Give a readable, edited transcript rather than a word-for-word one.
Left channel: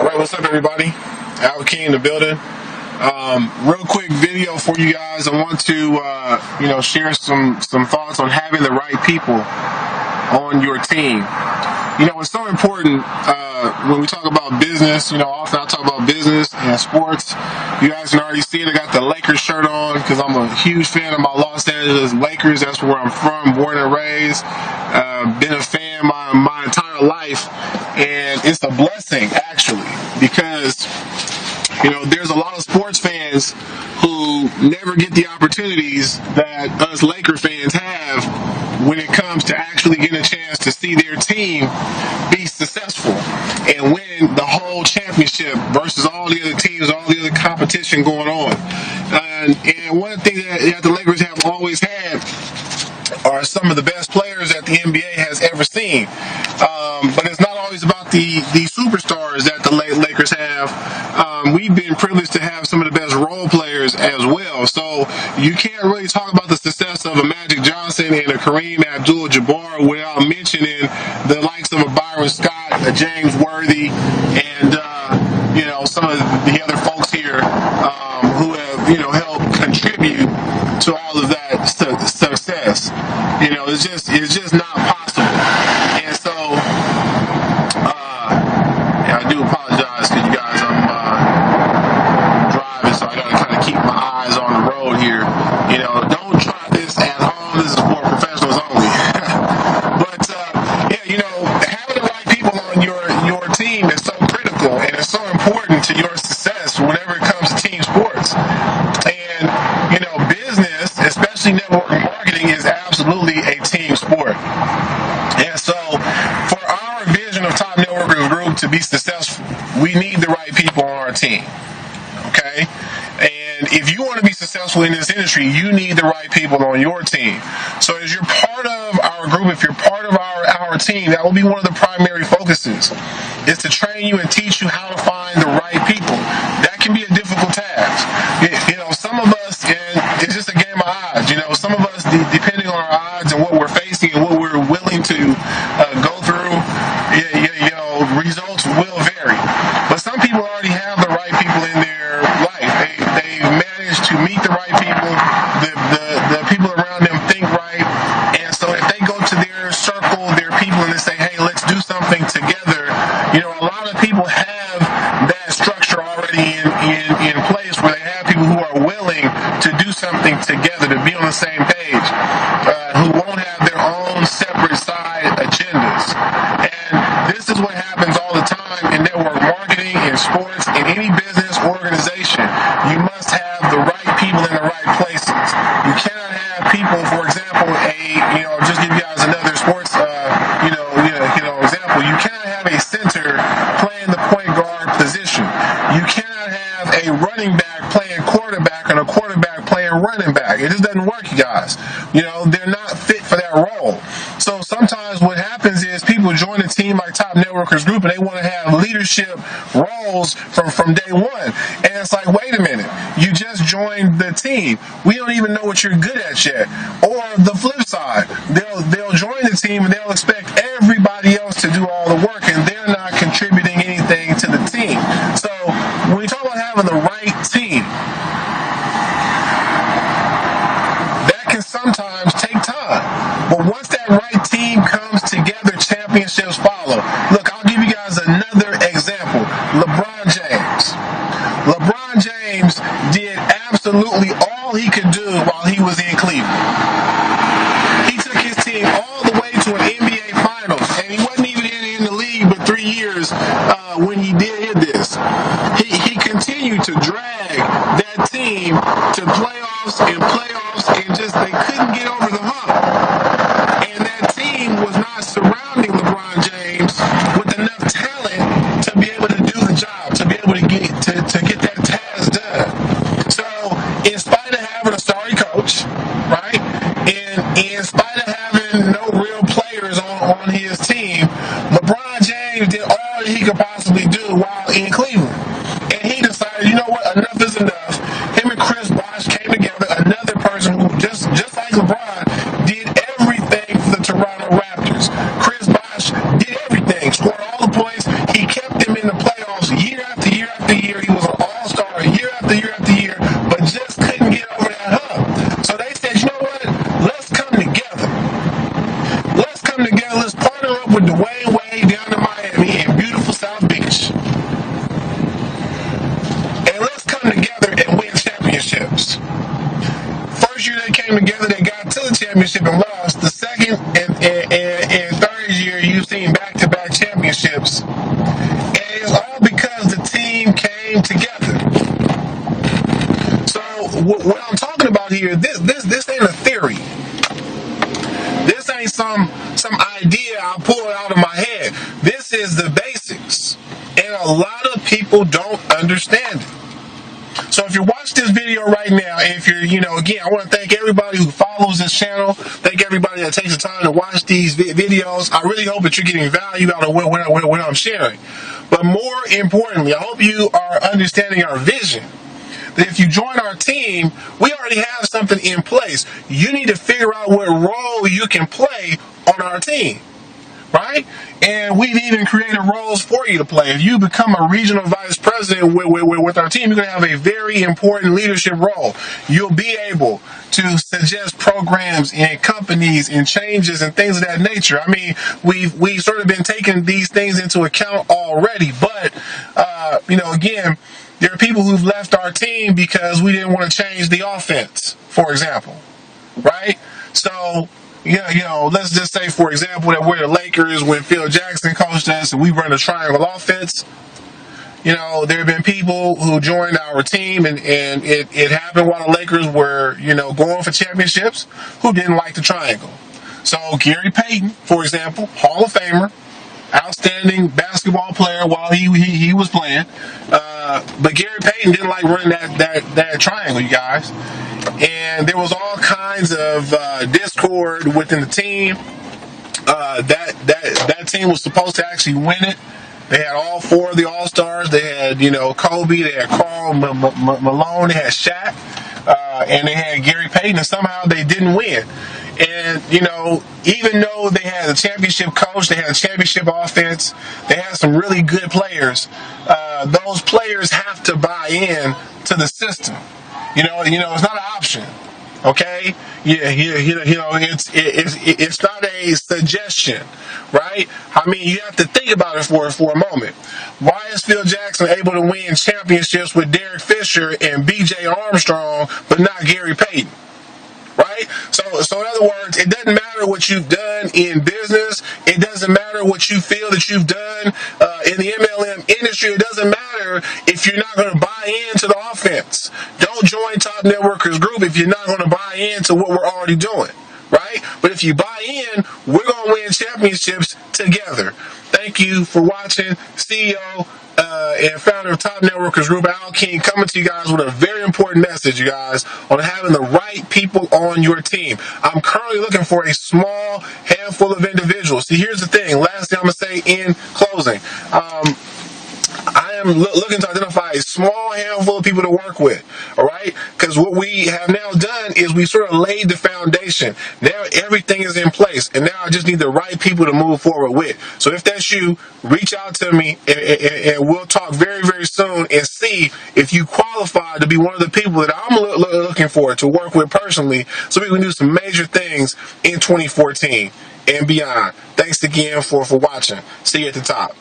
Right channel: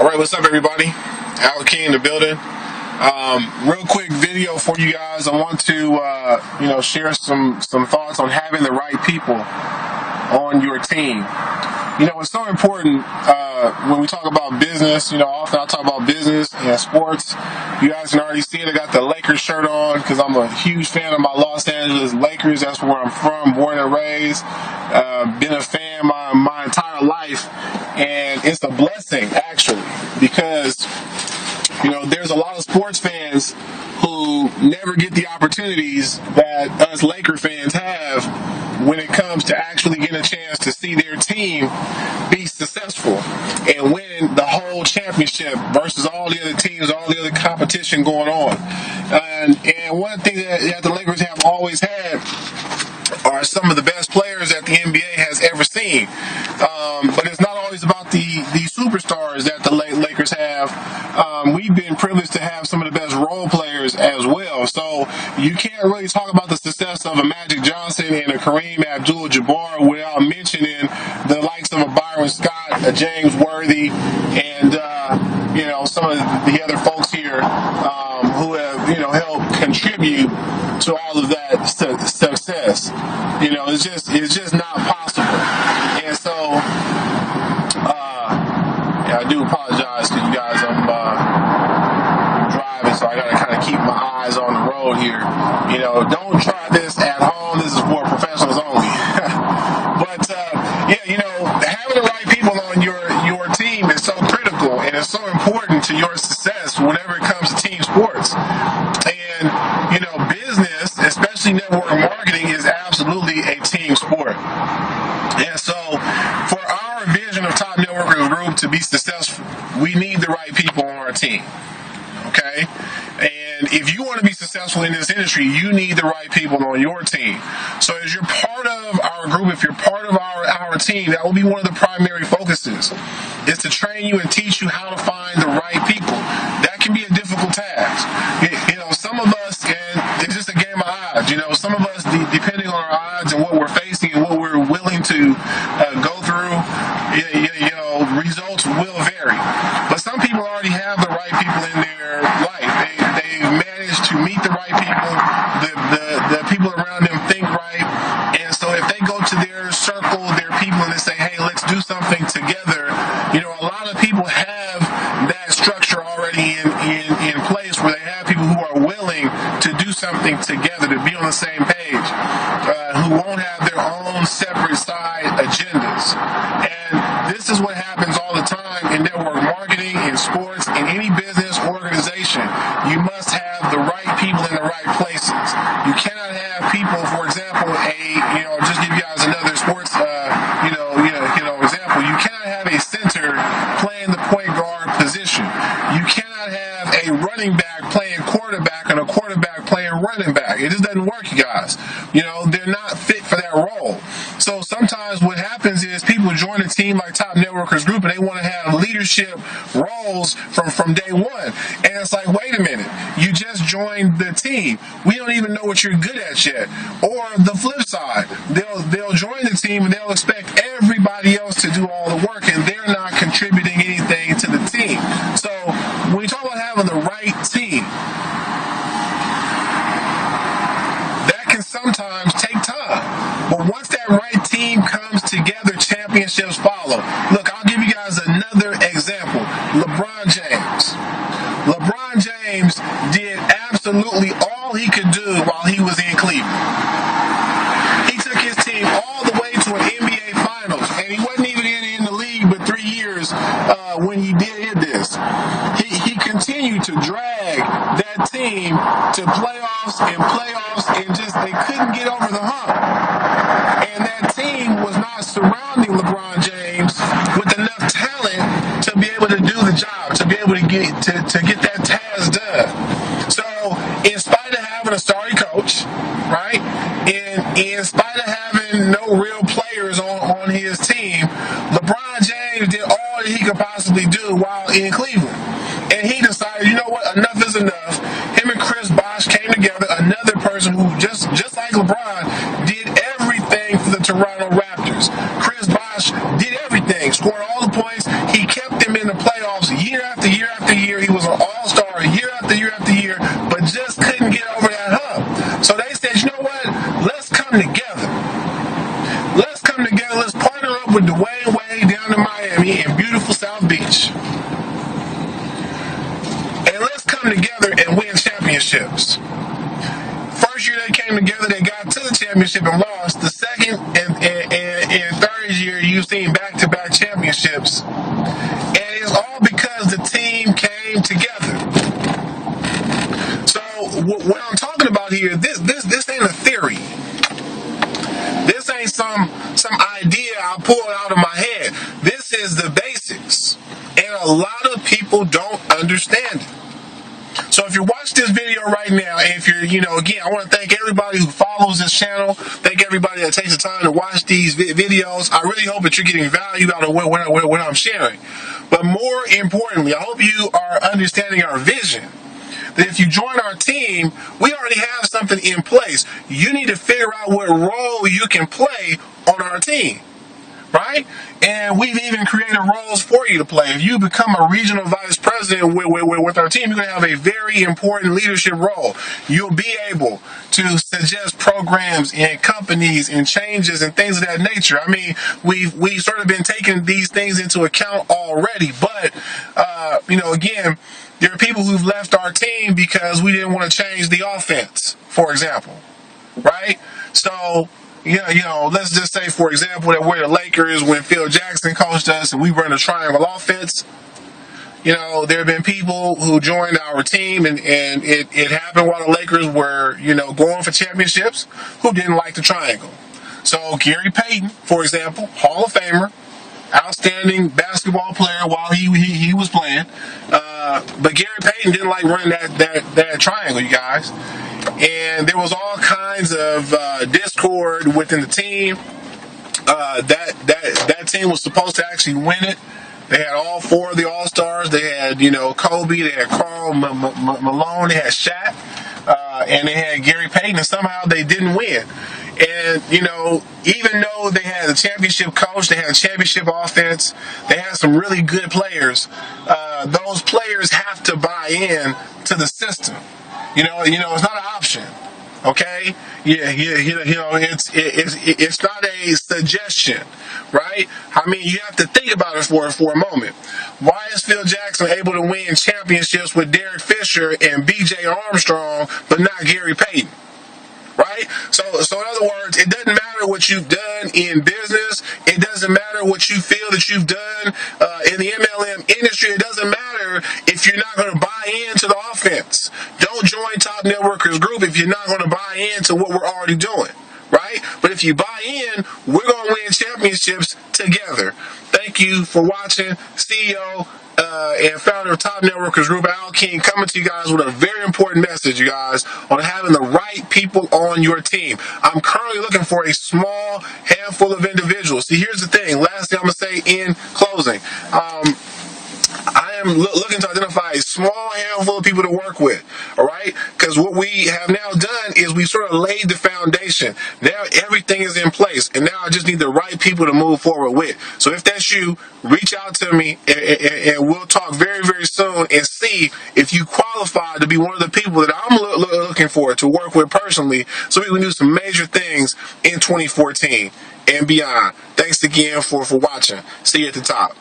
All right, what's up, everybody? Al King in the building. Real quick video for you guys. I want to, share some thoughts on having the right people on your team. It's so important when we talk about business. Often I talk about business and sports. You guys can already see it. I got the Lakers shirt on because I'm a huge fan of my Los Angeles Lakers. That's where I'm from, born and raised. Been a fan my entire life, and it's a blessing actually because there's a lot of sports fans who never get the opportunities that us Laker fans have when it comes to actually getting a chance to see their team be successful and win the whole championship versus all the other teams, all the other competition going on. And one thing that the Lakers have always had are some of the best players that the NBA has ever seen. But it's not always about the superstars that the Lakers have. We've been privileged to have some of the best role players as well. So you can't really talk about the success of a Magic Johnson and a Kareem Abdul-Jabbar without mentioning the likes of a Byron Scott, a James Worthy, and some of the other folks here who have helped contribute to all of that success. It's just not possible. And so I do apologize because you guys, I'm driving, so I got to kind of keep my eyes on the road here. Don't try this at home. This is for professionals only. But having the right people on your team is so critical, and it's so important to your success whenever it comes to team sports. And business, especially network marketing, is absolutely a team sport. And so for our vision of Top Networkers Group to be successful, we need the right people on our team. Okay? And if you want to be successful in this industry, you need the right people on your team. So as you're part of our group, if you're part of our team, that will be one of the primary focuses, is to train you and teach you how to find the right people. That can be a difficult task. Some of us, and it's just a game of odds. Some of us, depending on our odds and what we're facing and what we're willing to go through, results will vary. But some people already have the right people in their life. They've managed to meet the right people. The people around them think right. And so if they go to their circle, their people, and they say, hey, let's do something together, a lot of people have that structure already in place where they have people who are willing to do something together, to be on the same page, who won't have their own separate side agendas. And this is what happens all the time in network marketing, in sports, in any business organization. You must have the right people in the right places. You cannot have people, for example, just give you guys another sports, example. You cannot have a center playing the point guard position. You cannot have a running back playing quarterback and a quarterback playing running back. It just doesn't work, you guys. They're not fit for that role. So sometimes what happens is people join a team like Top Networkers Group and they want to have leadership roles from day one. And it's like, wait a minute, you just joined the team. We don't even know what you're good at yet. Or the flip side, they'll join the team and they'll expect everybody else to do all the work, and they're not contributing anything to the team. So when we talk about having the right team, that can sometimes take time. But once that right team comes together, championships follow. Look, I'll give you guys another example. LeBron James. LeBron James did absolutely all he could do while he was in Cleveland. He took his team all the way to an NBA Finals, and he wasn't even in the league but 3 years when he did this. He continued to drag that team to playoffs and just they couldn't get over the hump. And that team was not surrounding LeBron James with enough talent to be able to do the job, to be able to get that task done. So in spite of having a sorry coach, right, and in spite of having no real players on his team, LeBron James did all that he could possibly do while in Cleveland. And he decided, you know what, enough is enough. Him and Chris Bosh came together, another person who just like LeBron did everything for the Toronto Raptors. Chris Bosh did everything, scored all the points. He kept them in the playoffs year championship and lost. The second and third year, you've seen back-to-back championships. And it's all because the team came together. So what I'm talking about here, this ain't a theory. This ain't some idea I pulled out of my head. This is the basics. And a lot of people don't understand it. So if you're watching this video right now, and if you're, again, I want to thank everybody who follows this channel. Thank everybody that takes the time to watch these videos. I really hope that you're getting value out of what I'm sharing. But more importantly, I hope you are understanding our vision. That if you join our team, we already have something in place. You need to figure out what role you can play on our team. Right? And we've even created roles for you to play. If you become a regional vice president with our team, you're going to have a very important leadership role. You'll be able to suggest programs and companies and changes and things of that nature. I mean, we've sort of been taking these things into account already. But, again, there are people who've left our team because we didn't want to change the offense, for example. Right? So, let's just say, for example, that we're the Lakers when Phil Jackson coached us and we run a triangle offense. There have been people who joined our team and it happened while the Lakers were, going for championships who didn't like the triangle. So Gary Payton, for example, Hall of Famer, outstanding basketball player while he was playing. But Gary Payton didn't like running that triangle, you guys. And there was all kinds of discord within the team. That team was supposed to actually win it. They had all four of the All-Stars. They had, Kobe. They had Karl Malone. They had Shaq. And they had Gary Payton. And somehow they didn't win. And, even though they had a championship coach, they had a championship offense, they had some really good players, those players have to buy in to the system. It's not an option. Okay? It's not a suggestion, right? I mean, you have to think about it for a moment. Why is Phil Jackson able to win championships with Derek Fisher and B.J. Armstrong, but not Gary Payton? Right? So in other words, it doesn't matter what you've done in business. It doesn't matter what you feel that you've done in the MLM industry. It doesn't matter if you're not going to buy into the offense. Don't join Top Networkers Group if you're not going to buy into what we're already doing. Right? But if you buy in, we're going to win championships together. Thank you for watching. CEO and founder of Top Networkers Group, Al King, coming to you guys with a very important message, you guys, on having the right people on your team. I'm currently looking for a small handful of individuals. See, here's the thing. Last thing I'm going to say in closing. I am looking to identify a small handful of people to work with, all right? Because what we have now done is we sort of laid the foundation. Now everything is in place, and now I just need the right people to move forward with. So if that's you, reach out to me, and we'll talk very, very soon and see if you qualify to be one of the people that I'm looking for to work with personally so we can do some major things in 2014 and beyond. Thanks again for watching. See you at the top.